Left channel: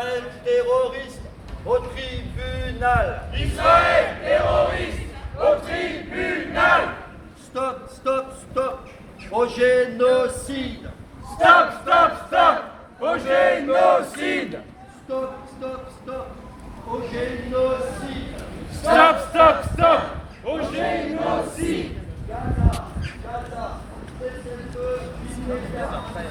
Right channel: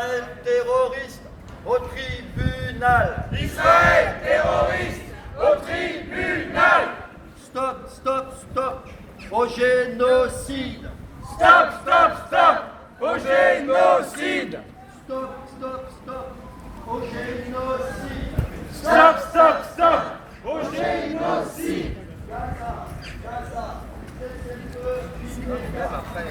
Israël terroriste au tribunal. Israël terroriste au tribunal. Stop, stop, stop au génocide. Stop, stop, stop au génocide. Stop, stop, stop au génocide. Stop, stop, stop au génocide.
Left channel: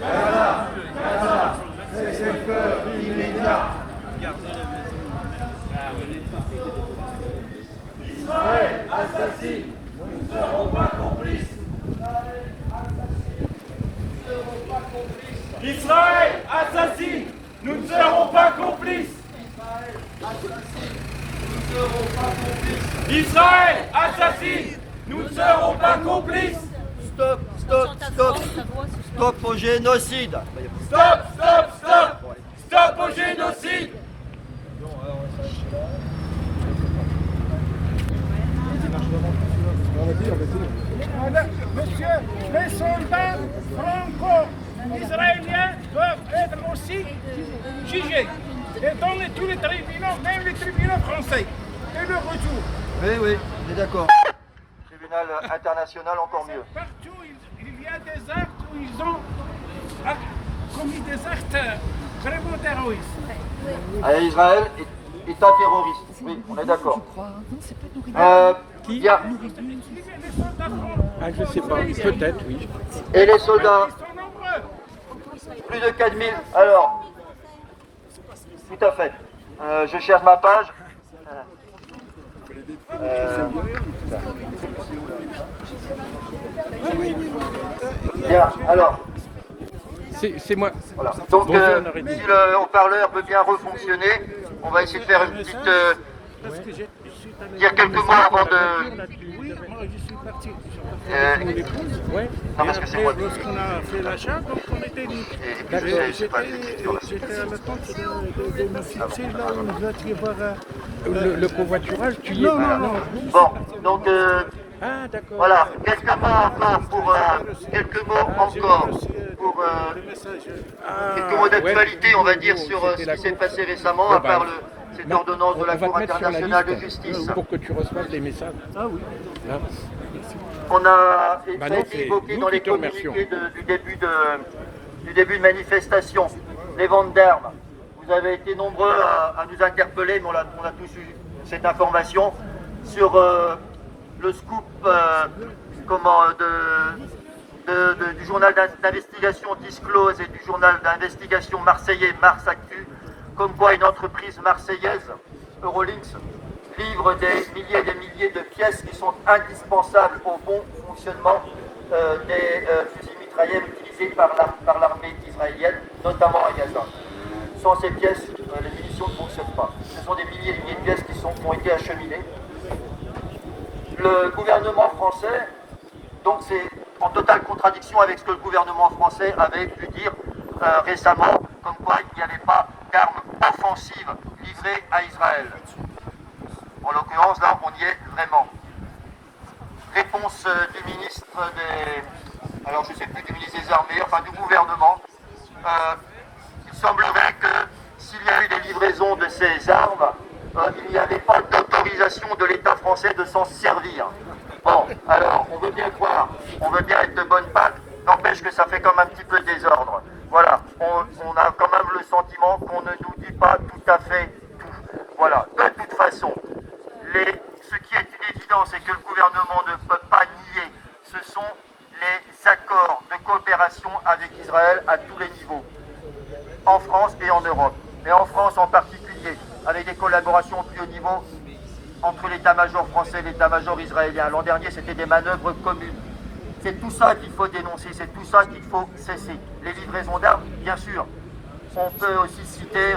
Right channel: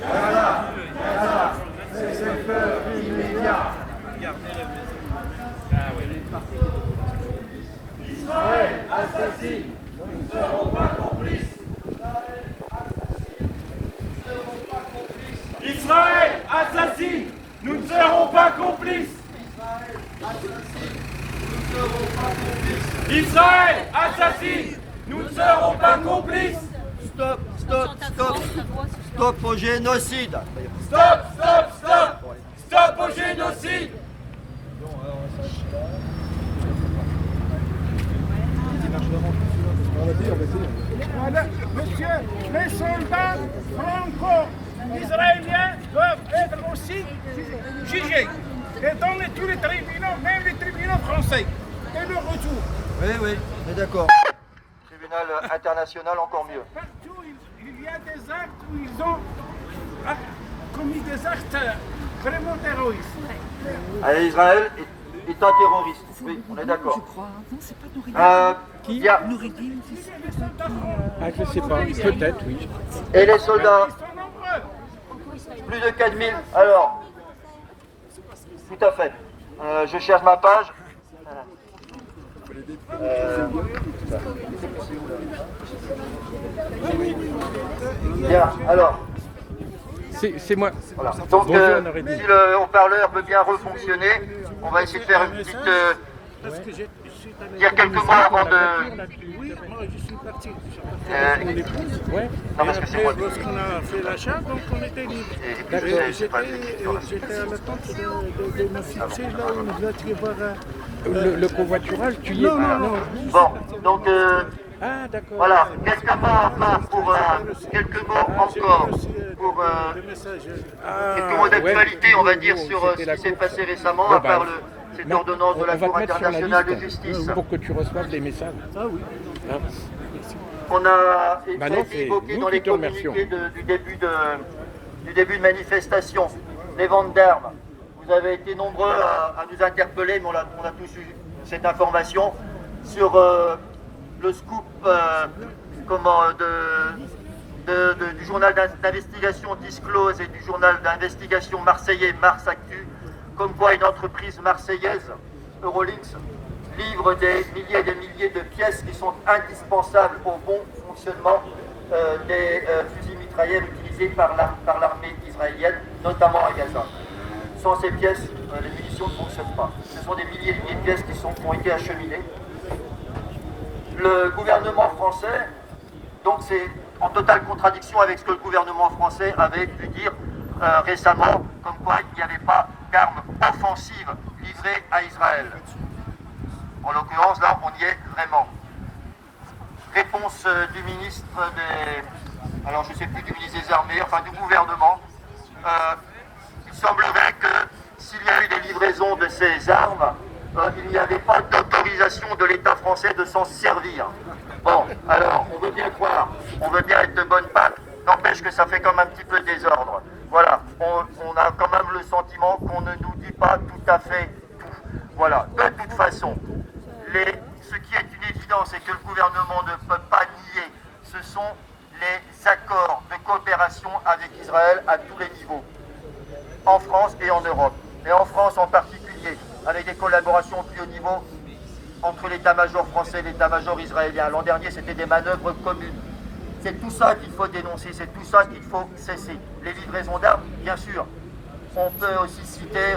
Gaza, Gaza, cessez-le-feu immédiat. Israël assassine, nous ne serons pas complices. Israël assassine, nous ne serons pas complices. Israël assassine, nous ne serons pas complices. Stop, stop, stop. Stop au génocide. Stop, stop, stop. Stop au génocide. Monsieur, les soldats franco-israéliens doivent être aussi jugés. Et dans tous les tribunaux, même les tribunaux français. Et le retour. Oui, oui, on est d'accord. Tribunal international, encore mieux. Partout, il y a des actes où ils ont commis des actes vraiment terroristes. Israël est un terroriste. Oui, on est d'accord. Qui Ah, je sais pas, peut-être, oui. Et les soldats, Ils sont nombreux. plus de 4000. Alors, tout à fait. Je cherche ma page. Bien, alors. C'est moi. Voilà. Donc, Bonjour, Noreddin. si le haut-parleur peut bien refonctionner, on va essayer de faire une petite. Dire quelques mots avant de. Oui, moi je suis parti. Euh, Mon épouse. Ouais. Non, Et parce que c'est moi. après, lorsqu'on a fait l'achat, donc on était libre. D'accord. J'étais à l'attente de me fixer là où je dois y voir. Le covoiturage, tu y es Non, non, non. Bon, donc Ah, d'accord. voilà. Qu'est-ce qu'on a encore pour quelques mots encore pour quelques mots d'actualité, on va dire, sur ce qui s'est passé récemment, à part cette ordonnance de la Cour internationale de justice. pour que tu reçoives des messages. Ah oui. Hein. On a Bah non, été c'est évoqué nous dans qui les te remercions. communiqués du début de manifestation, les ventes d'armes. Vous avez été nombreux à nous interpeller, mais on a tous eu cette information sur le scoop du journal d'investigation Disclose et du journal d'investigation marseillais Mars Actu, comme quoi une entreprise marseillaise, Eurolinks, livre des milliers et des milliers de pièces qui sont indispensables au bon fonctionnement des fusils mitrailleurs utilisés par l'armée israélienne, notamment à Gaza. Sans ces pièces, les munitions ne fonctionnent pas. Ce sont des milliers et des milliers de pièces qui ont été acheminées. Le gouvernement français, donc c'est en totale contradiction avec ce que le gouvernement français avait pu dire récemment, comme quoi il n'y avait pas d'armes offensives livrées à Israël. En l'occurrence, là, on y est vraiment. Réponse du ministre des... Alors, je ne sais plus, du ministre des Armées, enfin du gouvernement. Il semblerait que s'il y a eu des livraisons de ces armes, il n'y avait pas d'autorisation de l'État français de s'en servir. Bon, alors, on veut bien croire, on veut bien être de bonne pâte, n'empêche que ça fait comme un petit peu désordre. Voilà, on a quand même le sentiment qu'on ne nous dit pas tout à fait tout. Voilà, de toute façon, ce qui est une évidence et que le gouvernement ne peut pas nier, ce sont les accords de coopération avec Israël à tous les niveaux, en France et en Europe, et en France en particulier, avec des collaborations au plus haut niveau entre l'état-major français et l'état-major israélien. L'an dernier, c'était des manœuvres communes. C'est tout ça qu'il faut dénoncer, c'est tout ça qu'il faut cesser. Les livraisons d'armes, bien sûr. On peut aussi citer,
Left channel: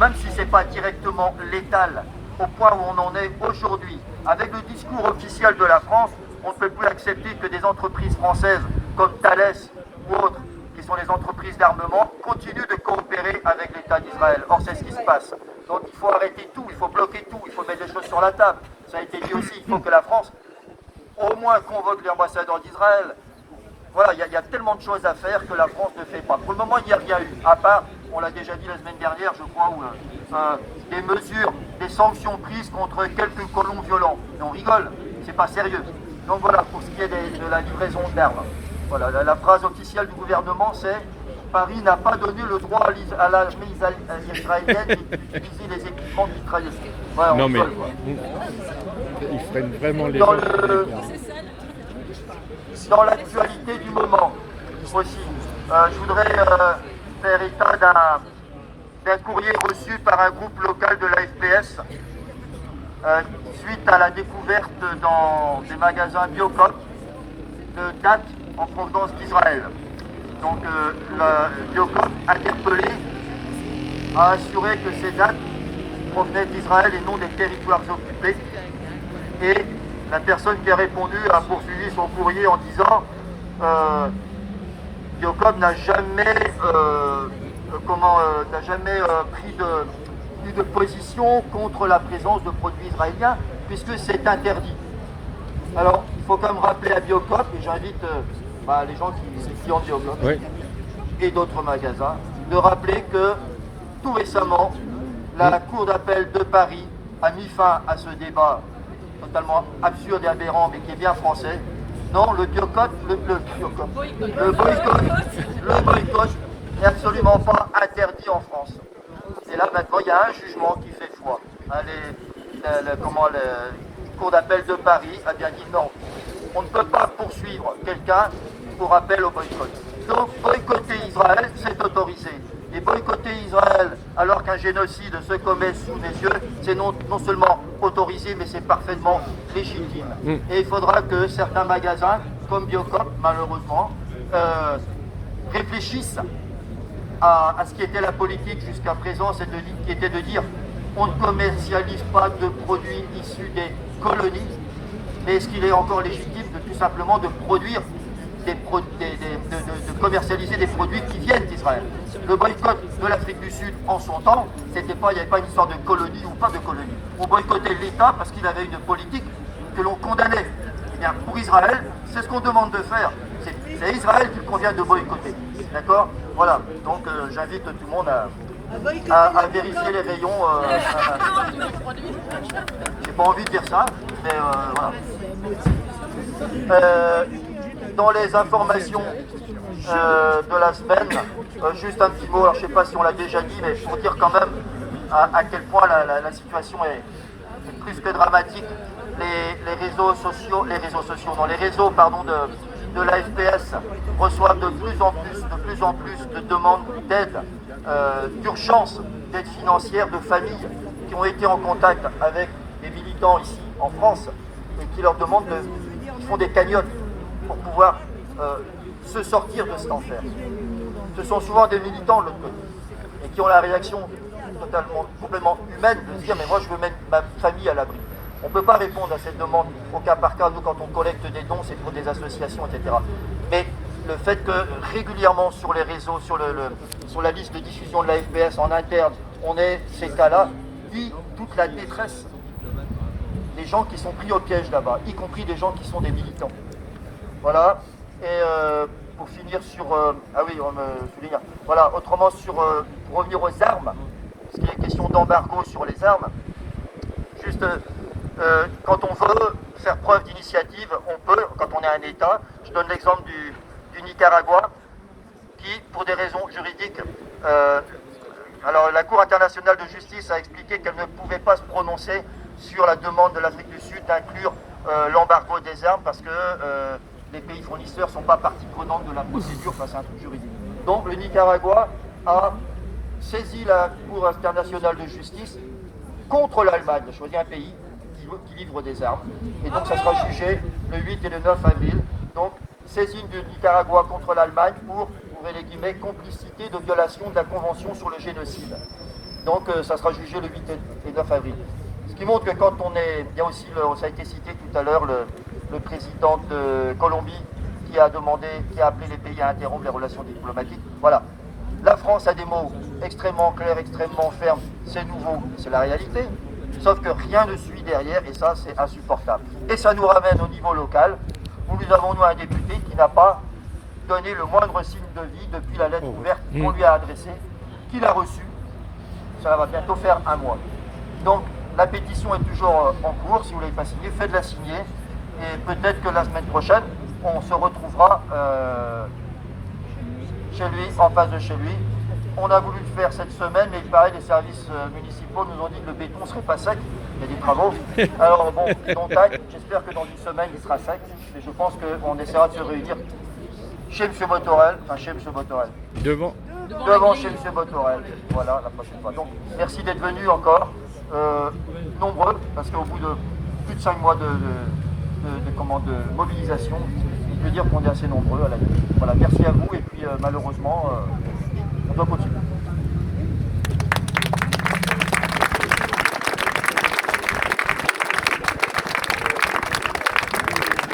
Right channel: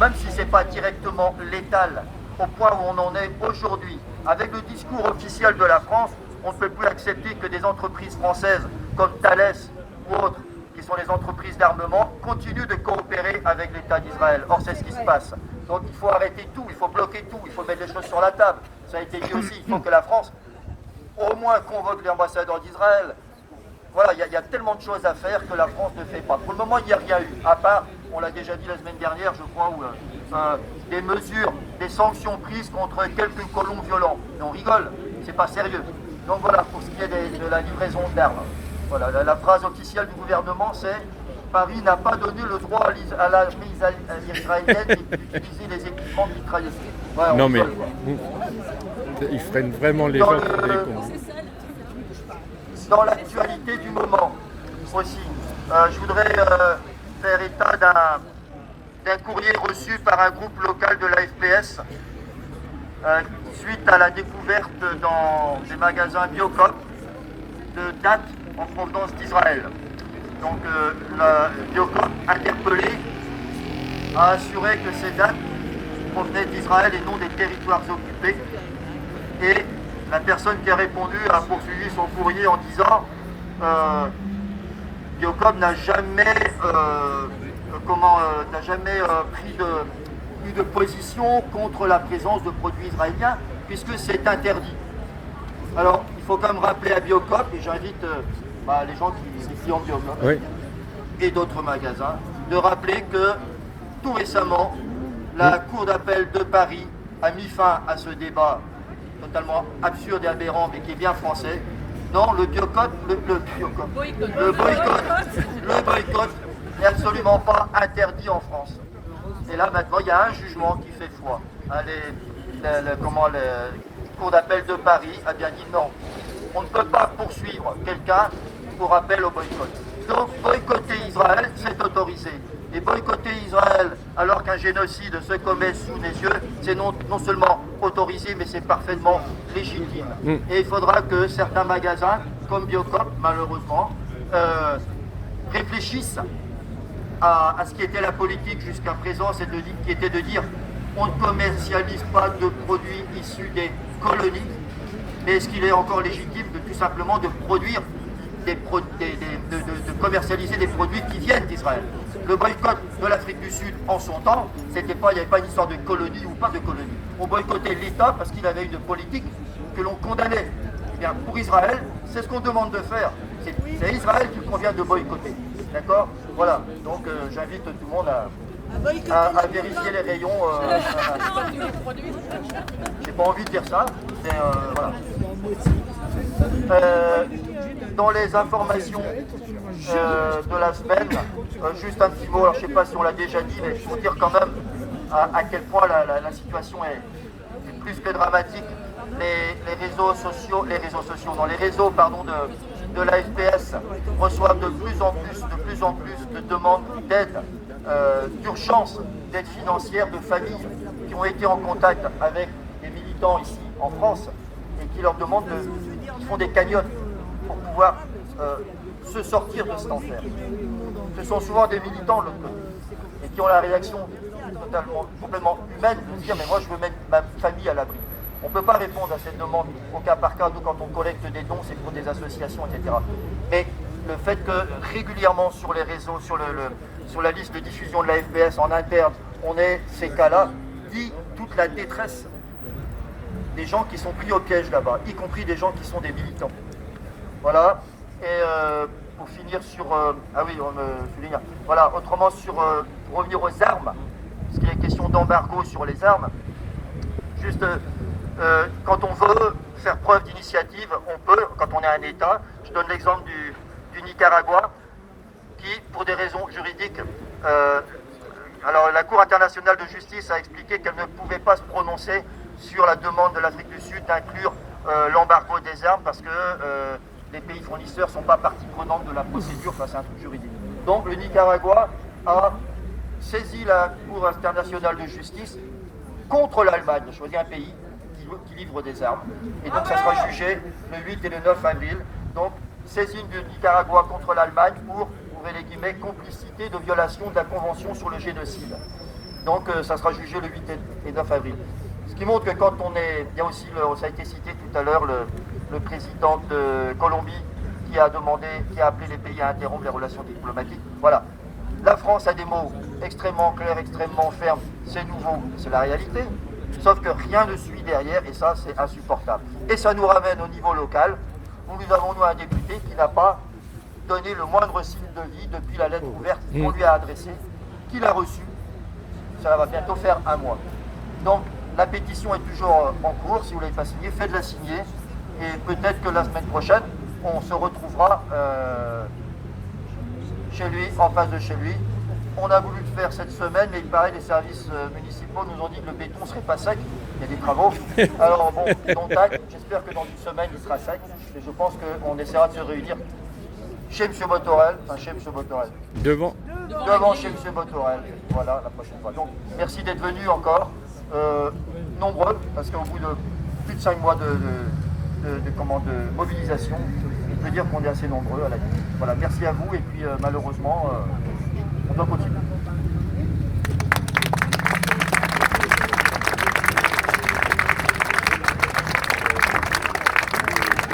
même si ce n'est pas directement létal, au point où on en est aujourd'hui, avec le discours officiel de la France, on ne peut plus accepter que des entreprises françaises comme Thales ou autres, qui sont les entreprises d'armement, continuent de coopérer avec l'État d'Israël. Or, c'est ce qui se passe. Donc, il faut arrêter tout, il faut bloquer tout, il faut mettre des choses sur la table. Ça a été dit aussi, il faut que la France, au moins, convoque l'ambassadeur d'Israël. Voilà, il y a tellement de choses à faire que la France ne fait pas. Pour le moment, il n'y a rien eu, à part on l'a déjà dit la semaine dernière, je crois, où, des mesures, des sanctions prises contre quelques colons violents. Et on rigole, c'est pas sérieux. Donc voilà, pour ce qui est de la livraison d'armes. Voilà, la phrase officielle du gouvernement, c'est Paris n'a pas donné le droit à l'armée israélienne d'utiliser les équipements de mitrailleuses. Voilà, Non mais rigole, quoi. ils freinent vraiment les Dans gens. Dans l'actualité du moment aussi, je voudrais faire état d'un courrier reçu par un groupe local de la FPS suite à la découverte dans des magasins Biocop de dates en provenance d'Israël. Donc le Biocop interpellé a assuré que ces dates provenaient d'Israël et non des territoires occupés. Et la personne qui a répondu a poursuivi son courrier en disant Biocop n'a jamais, pris de position contre la présence de produits israéliens puisque c'est interdit. Alors il faut quand même rappeler à Biocop, et j'invite les gens qui sont clients de Biocop et d'autres magasins, de rappeler que tout récemment, la Cour d'appel de Paris a mis fin à ce débat totalement absurde et aberrant, mais qui est bien français. Non, le boycott n'est absolument pas interdit en France. Et là, maintenant, il y a un jugement qui fait foi. La Cour d'appel de Paris a bien dit non. On ne peut pas poursuivre quelqu'un pour appel au boycott. Donc, boycotter Israël, c'est autorisé. Et boycotter Israël alors qu'un génocide se commet sous les yeux, c'est non seulement autorisé, mais c'est parfaitement légitime. Et il faudra que certains magasins, comme Biocop, malheureusement, réfléchissent à ce qui était la politique jusqu'à présent, qui était de dire on ne commercialise pas de produits issus des colonies, mais est-ce qu'il est encore légitime de tout simplement de produire de commercialiser des produits qui viennent d'Israël. Le boycott de l'Afrique du Sud en son temps, il n'y avait pas une histoire de colonie ou pas de colonie. On boycottait l'État parce qu'il avait une politique que l'on condamnait. Eh bien, pour Israël, c'est ce qu'on demande de faire. C'est Israël qu'il convient de boycotter. D'accord? Voilà. Donc j'invite tout le monde à vérifier les rayons. J'ai pas envie de dire ça, mais voilà. Dans les informations de la semaine, juste un petit mot, alors je ne sais pas si on l'a déjà dit, mais pour dire quand même à quel point la situation est plus que dramatique. Les réseaux de la FPS reçoivent de plus en plus de demandes d'aide, d'urgence, d'aide financière de familles qui ont été en contact avec des militants ici en France et qui leur demandent qui font des cagnottes pour pouvoir se sortir de cet enfer. Ce sont souvent des militants de l'autre côté et qui ont la réaction complètement humaine de se dire mais moi je veux mettre ma famille à l'abri. On ne peut pas répondre à cette demande au cas par cas. Nous, quand on collecte des dons, c'est pour des associations, etc. Mais le fait que régulièrement sur les réseaux, sur la liste de diffusion de la FPS en interne, on ait ces cas-là, dit toute la détresse des gens qui sont pris au piège là-bas, y compris des gens qui sont des militants. Voilà. Et pour finir sur... Voilà, autrement, pour revenir aux armes, parce qu'il y a une question d'embargo sur les armes, juste... quand on veut faire preuve d'initiative, on peut, quand on est un État. Je donne l'exemple du Nicaragua, qui, pour des raisons juridiques, alors la Cour internationale de justice a expliqué qu'elle ne pouvait pas se prononcer sur la demande de l'Afrique du Sud d'inclure l'embargo des armes, parce que les pays fournisseurs ne sont pas partie prenante de la procédure, enfin c'est un truc juridique. Donc le Nicaragua a saisi la Cour internationale de justice contre l'Allemagne, a choisi un pays qui livre des armes. Et donc ça sera jugé le 8 et le 9 avril. Donc saisine du Nicaragua contre l'Allemagne pour, ouvrez les guillemets, complicité de violation de la Convention sur le génocide. Donc ça sera jugé le 8 et 9 avril. Ce qui montre que quand on est... Il y a aussi, ça a été cité tout à l'heure, le président de Colombie qui a appelé les pays à interrompre les relations diplomatiques. Voilà. La France a des mots extrêmement clairs, extrêmement fermes. C'est nouveau, c'est la réalité. Sauf que rien ne suit derrière et ça c'est insupportable. Et ça nous ramène au niveau local où nous avons un député qui n'a pas donné le moindre signe de vie depuis la lettre ouverte qu'on lui a adressée, qu'il a reçu. Ça va bientôt faire un mois. Donc la pétition est toujours en cours. Si vous ne l'avez pas signée, faites-la signer. Et peut-être que la semaine prochaine, on se retrouvera chez lui, en face de chez lui. On a voulu le faire cette semaine, mais pareil, les services municipaux nous ont dit que le béton ne serait pas sec. Il y a des travaux. Alors bon, j'espère que dans une semaine, il sera sec. Et je pense qu'on essaiera de se réunir chez M. Botorel, Devant. devant chez M. Botorel. Voilà, la prochaine fois. Donc, merci d'être venus encore, nombreux, parce qu'au bout de plus de 5 mois de mobilisation, je peux dire qu'on est assez nombreux à la nuit. Voilà, merci à vous, et puis malheureusement, on doit continuer.